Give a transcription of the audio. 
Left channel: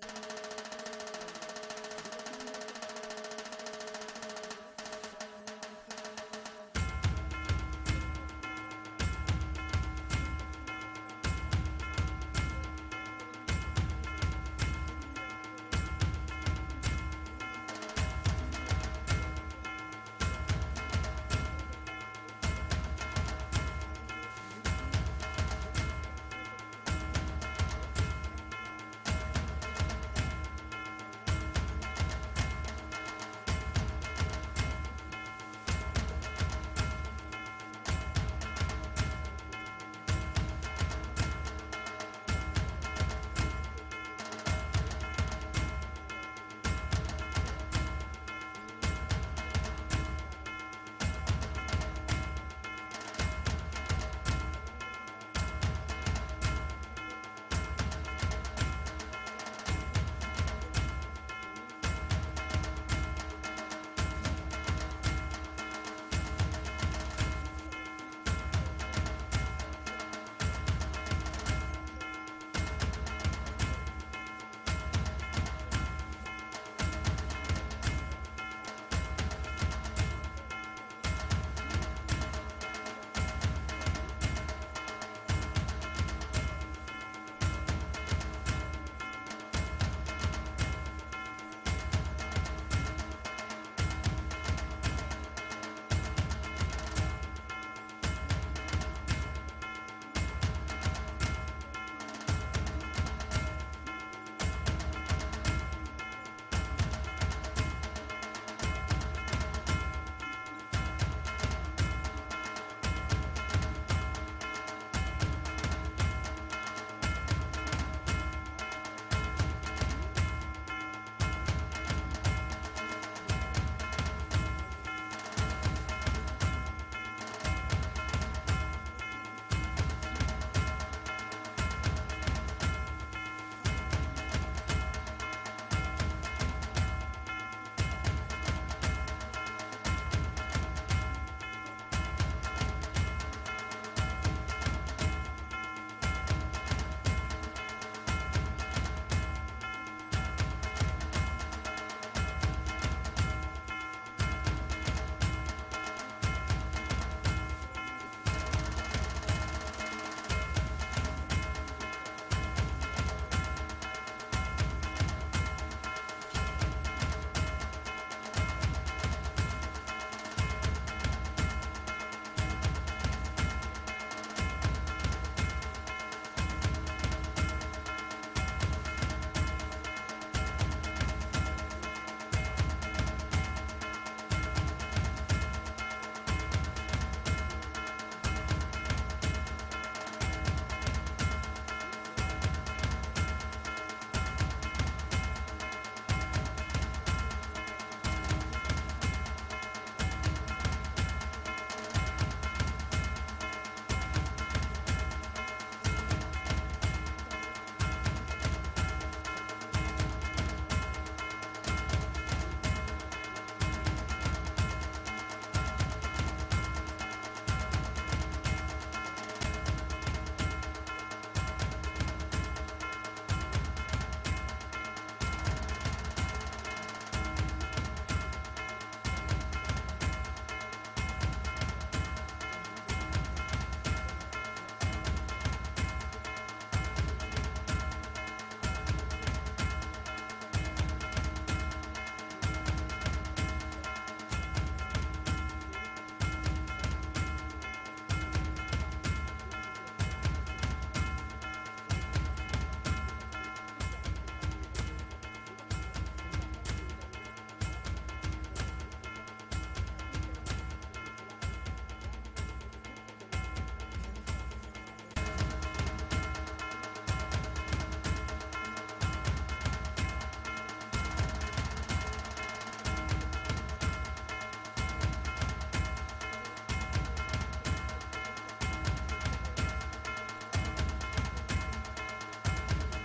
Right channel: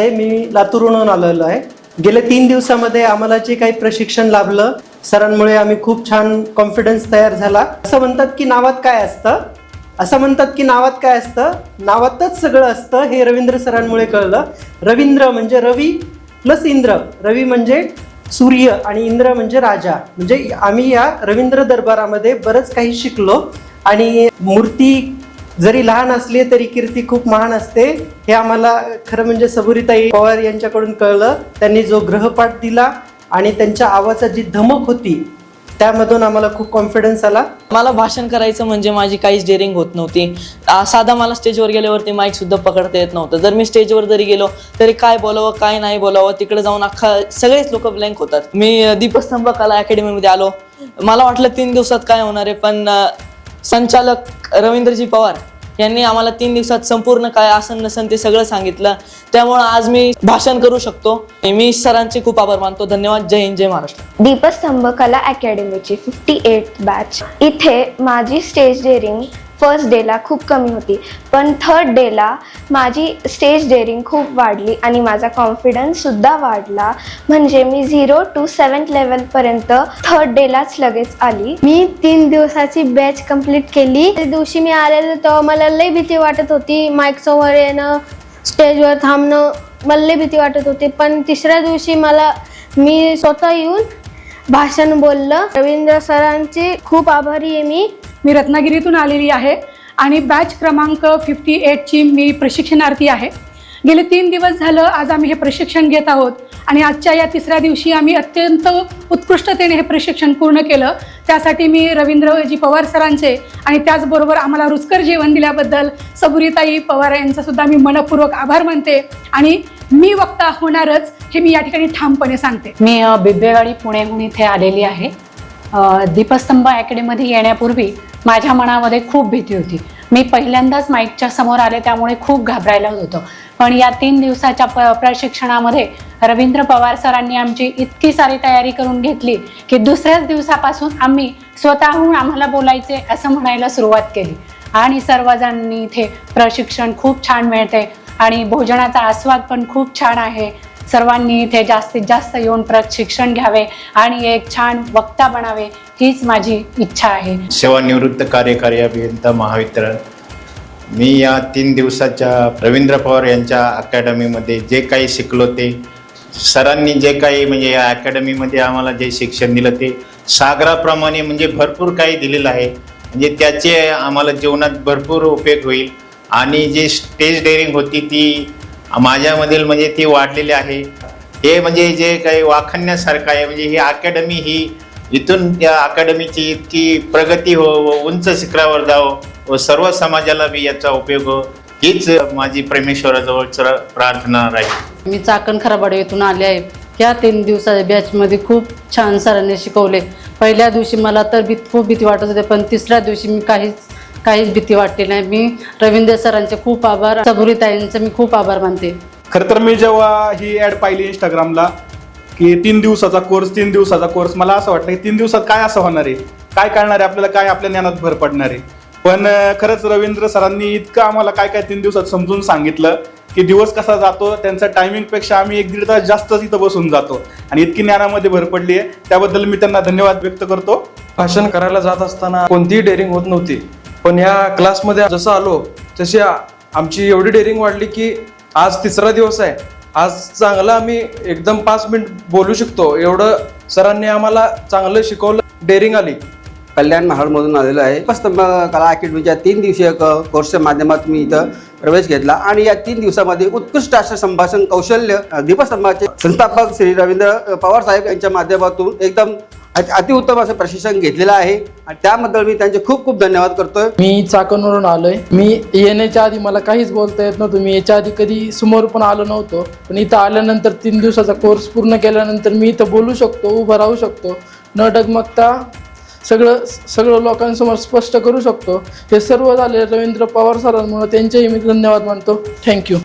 राहते, मी लातूरहून आलेलो आहे. गेल्या 3 दिवसामध्ये आम्हाला जे काही प्रशिक्षण लाभलं सरांमुळे आम्ही खूप छान कॉन्फिडन्स तयार झाला. असं म्हणतात की नावात काय असतं, नावातच सगळं असतं हे रवींद्र सरांमुळे कळलं. रवींद्र म्हणजे रवी प्लस इंद्र. रवी म्हणजे सूर्य आणि इंद्र म्हणजे राजा. म्हणजे आम्ही या रवींद्र दरबारामध्ये बरंच काही शिकलो आणि मूर्ती जरी लहान असली तरी कीर्ती खूप महान असते हे आम्हाला खरं म्हणजे सबुरीताई पवार यांच्याकडून कळलं. त्यांनी जो ग्रहपाठ दिला आणि त्यांच्या आवाजात जी धमक होती त्यामधून आम्हाला खूप कॉन्फिडन्स आला. मला भाषण करायचं म्हणजे माझी काहीच डेअरिंग होत नव्हती. साधा मला स्टेजवर गेल्यावरती माईक सुद्धा पकडता येत नव्हतं. जर मी स्टेजवर जरी गेलो तरी काय बोलावं काय नाही बोलावं तिकडे जाऊन सगळेच लोक ब्लँक होतात. मी दीपस्तंभ कला अकॅडमीमध्ये आलो. मला वाटलं 3 दिवसात काय होणार आहे, पण संचालक रवींद्रजी पवार यांनी आम्हाला 3 दिवसात संपूर्ण काय आसन नसन ते सगळं सांगितलं. त्यामुळे आज मी भाषण करू शकतो. मी सरांचे खूप आभार मानतो. धन्यवाद. जय हिंद, जय महाराष्ट्र. दीपस्तंभ कला अकॅडमीची 58th बॅच. इथे माझी स्टेज डेअरिंग फर्स्ट डेला खूप कमी होती, पण थर्ड डेला माझी स्टेज डेअरिंग खूप वाढली आणि माझा कॉन्फिडन्ससुद्धा वाढला. म्हणजे मी 0 to 7th लेवलपर्यंत थर्ड डेलाच लगेच आली. मी 3 दिवसाची बॅच कंप्लीट केली. त्या दिवशी मी आलेलो तेव्हा मला लई भीती वाटत होती. माईक समोर येणं, स्टेजवर थांबणं, मला लई भीती वाटत होती. पण तिसऱ्या दिवशी मी स्वतः येऊन भाषण बोललं. रवींद्र सरांचे खूप आभारी आहे मी रत्नागिरीतून आलेली आहे आणि बॅच क्रमांक 58ची मी प्रशिक्षणार्थी आहे. गेले 3 दिवस झालं आज आम्ही हे प्रशिक्षण घेत आहोत आणि आजच्या या 3ऱ्या दिवशी आम्ही अत्यंत उत्कृष्टतेने हे प्रशिक्षण पूर्ण केलं. त्यासाठी मी रवींद्रजी पवार सरांचे आणि त्याचबरोबर आम्हाला रुचकर जेवण दिल्याबद्दल सबुरीताई पवार यांचा सुद्धा मी मनपूर्वक आभार मानते आणि मी वक्ता होणारच हे मी या ठिकाणी ठामपणे सांगते. मी बिब्बेवाडी पुण्याहून इथे आलेली आहे. दीपस्तंभ अकॅडमीमध्ये येण्यापूर्वी माझ्या मनामध्ये खूप भीती होती. मी पहिल्यांदाच माईकच्या समोर आले त्यामुळे खूप घाबरायला होतं. पण या 3 दिवसाच्या प्रशिक्षणामध्ये रवींद्र पवार सरांनी आमची इतकी सारी तयारी करून घेतली की दुसऱ्याच दिवसापासून आम्ही स्वतःहून आम्हाला बोलायचे असं म्हणायला सुरुवात केली आणि सर्वजणांनी इथे प्रशिक्षण खूप छान मिळते आणि भोजनाचा आस्वाद पण खूप छान आहे. सर्वांनी इथे जास्तीत जास्त येऊन प्रशिक्षण घ्यावे आणि एक छान वक्ता बनावे हीच माझी इच्छा आहे. सेवानिवृत्त कार्यकारी अभियंता महावितरण. मी या 3 दिवसाच्या रवींद्र पवार यांच्या अकॅडमीमध्ये जे काही शिकलो ते सरांनी जे काही म्हणजे या अकॅडमीमध्ये आम्हाला जे शिक्षण दिलं ते सागराप्रमाणे म्हणजे भरपूर काही दिलेलं आहे. म्हणजे त्याचे आम्हाला जीवनात भरपूर उपयोग होईल आणि जी स्टेज डेअरिंग होती ती माझ्यामधील म्हणजे ती वाढलेली आहे. हे म्हणजे जे काही वाखाणण्यासारखं आहे. म्हणजे ही अकॅडमी ही इथून या अकॅडमीची इतकी प्रगती हो व उंच शिखरावर जावं व सर्व समाजाला बी याचा उपयोग हो हीच माझी परमेश्वराजवळ प्रार्थना राहील. मी चाकण खराबाडे येथून आले आहे. या 3 दिवसाच्या बॅचमध्ये खूप छान सरांनी शिकवले. पहिल्या दिवशी मला तर खूप भीती वाटत होते, पण 3ऱ्या दिवशी मी काहीच भीती वाटली नाही. मी रवींद्र सरांचे खूप आभार, सबुरीताईंचे मी खूप आभार मानते. खरं तर मी जेव्हा ही ॲड पाहिली इंस्टाग्रामला की 3 दिवसाचा कोर्स मला असं वाटलं की 3 दिवसात काय असं होणार आहे, काय कळणार आहे आपल्याला, काय आपल्या ज्ञानात भर पडणार आहे. पण खरंच रवींद्र सरांनी इतकं आम्हाला काय 3 दिवसात समजून सांगितलं की दिवस कसा जातो. त्यांचा टायमिंगपेक्षा आम्ही 1-1.5 तास जास्त इथं बसून जातो आणि इतकी ज्ञानामध्ये भर पडली आहे. त्याबद्दल मी त्यांना धन्यवाद व्यक्त करतो. भाषण करायला जात असताना कोणतीही डेअरिंग होत नव्हती, पण या क्लासमध्ये जसं आलो तशी आमची एवढी डेअरिंग वाढली की आज 3रा दिवस आहे. आज चांगलं आम्ही एकदम 5 मिनिट बोलू शकतो एवढं सरांनी आम्हाला चांगलं शिकवलं. डेअरिंग आली. कल्याण महाडमधून आलेलो आहे. दीपस्तंभ कला अकॅडमीच्या 3 दिवसीय कोर्सच्या माध्यमातून मी इथं प्रवेश घेतला आणि या 3 दिवसामध्ये उत्कृष्ट असं संभाषण कौशल्य दीपस्तंभाचे संस्थापक श्री रवींद्र पवार साहेब यांच्या माध्यमातून एकदम अतिउत्तम असं प्रशिक्षण घेतलेलं आहे आणि त्याबद्दल मी त्यांचे खूप खूप धन्यवाद करतोय. मी चाकणवरून आलोय. मी येण्याच्या आधी मला काहीच बोलता येत नव्हतं. मी याच्या आधी कधी समोर पण आलो नव्हतो, पण इथं आल्यानंतर 3 दिवसाचा कोर्स पूर्ण केल्यानंतर मी इथं बोलू शकतो, उभं राहू शकतो, न डगमगता सगळं लोकांसमोर स्पष्ट करू शकतो. हे सर्व झाले रवींद्र पवार सरांमुळे. त्यांचेही मी धन्यवाद मानतो. थँक्यू.